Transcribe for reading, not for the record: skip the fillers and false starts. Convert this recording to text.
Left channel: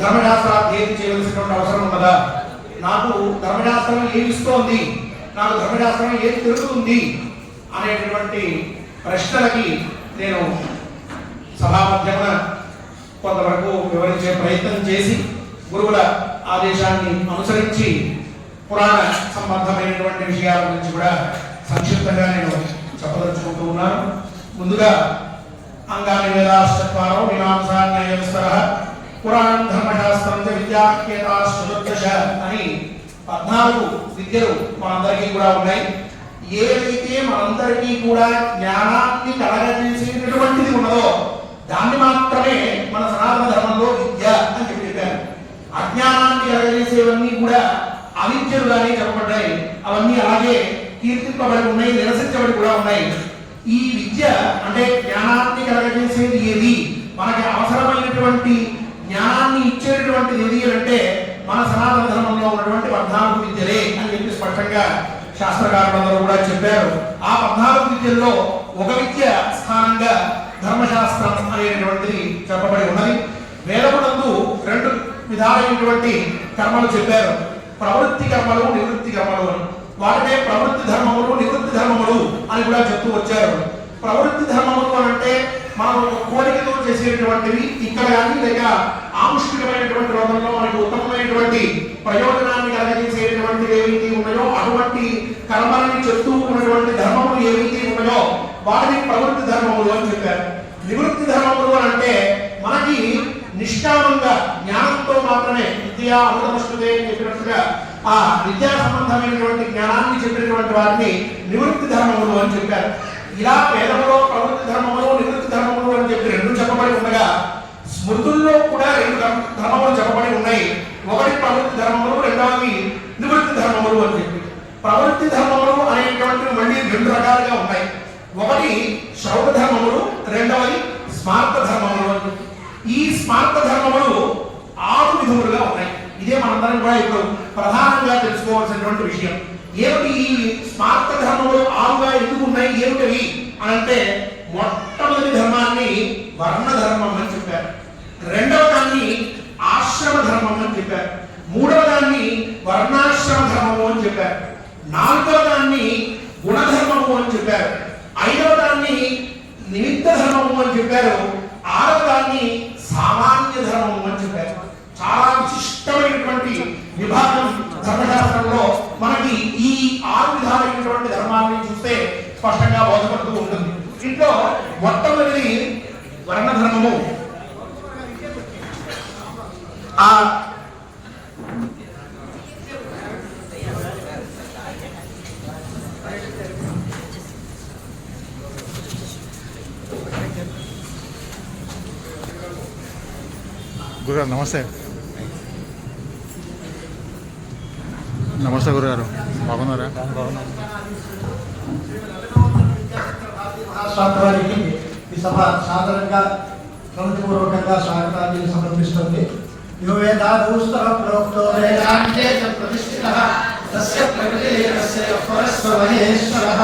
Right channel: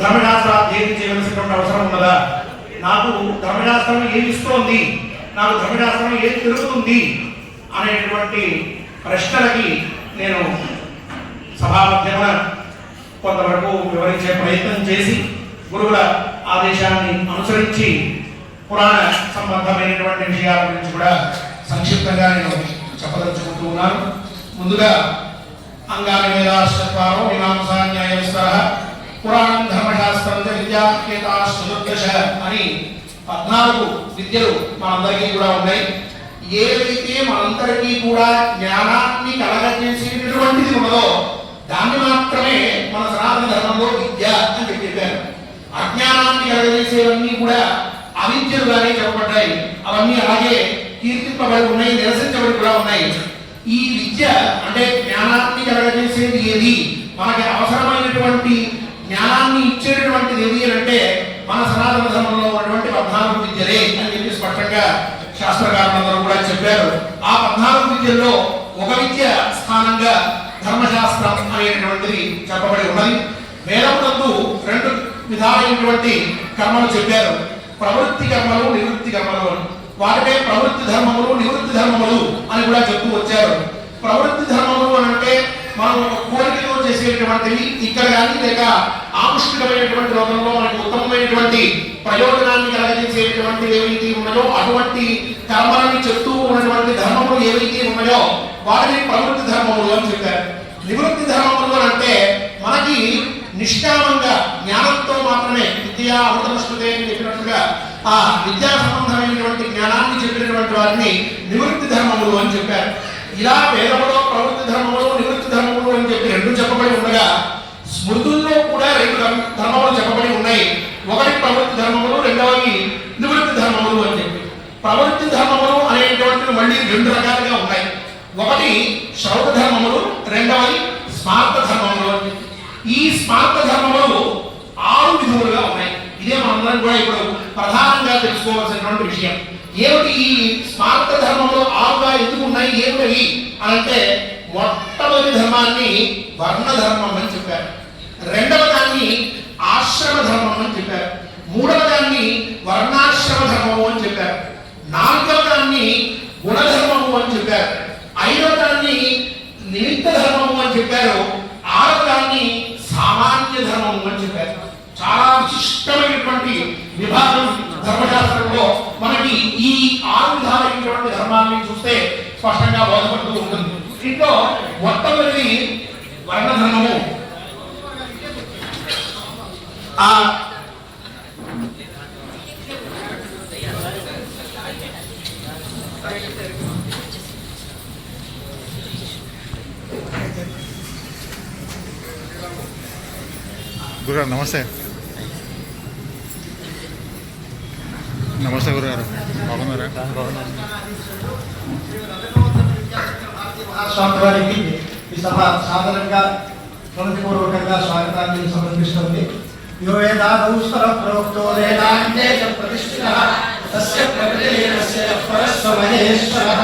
ధర్మశాస్త్రాధ్యయనం చేయవలసినటువంటి అవసరం ఉన్నదా? నాకు ధర్మశాస్త్రం ఏమి ఇస్తోంది, నాకు ధర్మశాస్త్రం ఏది తెలుస్తుంది అనేటువంటి ప్రశ్నలకి నేను సభామధ్యమున కొంతవరకు వివరించే ప్రయత్నం చేసి గురువుల ఆదేశాన్ని అనుసరించి పురాణ సంబంధమైనటువంటి విషయాల గురించి కూడా సంక్షిప్తంగా నేను చెప్పదలుచుకుంటూ ఉన్నాను. ముందుగా అంగాని వేదాశ్చత్వారో మీమాంసా న్యాయస్థర పురాణం ధర్మశాస్త్రం విద్యాకేతాశ్చతుర్దశ అని 14 విద్యలు మనందరికీ కూడా ఉన్నాయి. ఏదైతే మనందరికీ కూడా జ్ఞానాన్ని కలగజేసేటటువంటిది ఉన్నదో దాన్ని మాత్రమే మన సనాతన ధర్మంలో విద్య అని చెప్పారు. అజ్ఞానాన్ని కలగజేసేవన్నీ కూడా అవిద్యలుగానే చెప్పబడ్డాయి. అవన్నీ అలాగే కీర్తింపబడి ఉన్నాయి, నిరసించబడి కూడా ఉన్నాయి. ఈ విద్య అంటే జ్ఞానాన్ని కలగజేసేది ఏది, మనకి అవసరమైనటువంటి జ్ఞానాన్ని ఇచ్చేటటువంటిది ఏది అంటే మన సనాతన ధర్మంలో ఉన్నటువంటి 14 విద్యలే అని చెప్పి స్పష్టంగా శాస్త్రకారులందరూ కూడా చెప్పారు. ఆ 14 విద్యల్లో ఒక విద్య స్థానంగా ధర్మశాస్త్రం అనేటువంటిది చెప్పబడి ఉన్నది. వేదమునందు 2 విధాలైనటువంటి కర్మలు చెప్పారు. ప్రవృత్తి కర్మలు, నివృత్తి కర్మలు అని. వాటినే ప్రవృత్తి ధర్మములు, నివృత్తి ధర్మములు అని కూడా చెప్తూ వచ్చారు. ప్రవృత్తి ధర్మములు అంటే మనం కోరికతో చేసేటువంటివి ఇక్కడ కానీ లేక ఆముష్టికమైనటువంటి రోజుల్లో మనకు ఉత్తమమైనటువంటి ప్రయోజనాన్ని కలిగించేటువంటివి ఏవైతే ఉన్నాయో అటువంటి కర్మలని చెప్తూ ఉన్నటువంటి ధర్మములు ఏవైతే ఉన్నాయో వాటిని ప్రవృత్తి ధర్మములు అని చెప్పారు. నివృత్తి ధర్మములు అంటే మనకి నిష్కామంగా జ్ఞానంతో మాత్రమే విద్యా అమృతమశ్నుతే అని చెప్పినట్టుగా ఆ విద్యా సంబంధమైనటువంటి జ్ఞానాన్ని చెప్పినటువంటి వారిని నివృత్తి ధర్మములు అని చెప్పారు. ఇలా వేదంలో ప్రవృత్తి ధర్మములు, నివృత్తి ధర్మములు అని చెప్పి 2 చెప్పబడి ఉండగా స్మృతుల్లో కూడా 2 ధర్మములు చెప్పబడి ఉన్నాయి. ఒకటి ప్రవృత్తి ధర్మములు, రెండవది నివృత్తి ధర్మములు అని చెప్పి. ప్రవృత్తి ధర్మములు అనేటువంటివి మళ్ళీ 2 రకాలుగా ఉన్నాయి. ఒకటి శ్రౌత ధర్మములు, రెండవది స్మార్త ధర్మములు అని చెప్పి. ఈ స్మార్త ధర్మములు 6 విధములుగా ఉన్నాయి. ఇదే మనందరం కూడా ఇప్పుడు ప్రధానంగా తెలుసుకోవాల్సినటువంటి విషయం. ఏమిటి ఈ స్మార్త ధర్మములు 6గా ఎందుకు ఉన్నాయి, ఏమిటి అంటే మొట్టమొదటి ధర్మాన్ని వర్ణ ధర్మం అని చెప్పారు, రెండవ దాన్ని ఆశ్రమ ధర్మం అని చెప్పారు, మూడవ దాన్ని వర్ణాశ్రమ ధర్మము అని చెప్పారు, నాలుగవ దాన్ని గుణధర్మము అని చెప్పారు, ఐదవ దాన్ని నిమిత్త ధర్మము అని చెప్పారు, ఆరవ దాన్ని సామాన్య ధర్మము అని చెప్పారు. చాలా విశిష్టమైనటువంటి విభాగం ధర్మశాస్త్రంలో మనకి ఈ 6 విధాలైనటువంటి ధర్మాన్ని చూస్తే స్పష్టంగా బోధపడుతూ ఉంటుంది. దీంట్లో మొట్టమొదటి వర్ణ ధర్మము. గురుగారు నమస్తే. నమస్తే గురుగారు, బాగున్నారా? మహాస్వామివారికి ఈ సభ సాధారణంగా ప్రణతిపూర్వకంగా స్వాగతాన్ని సమర్పిస్తుంది. యో వేదాదౌస్వర ప్రోక్తో వేదాంతే ప్రతిష్ఠితః తస్య ప్రకృతిరస్య పరస్వ మహేశ్వరః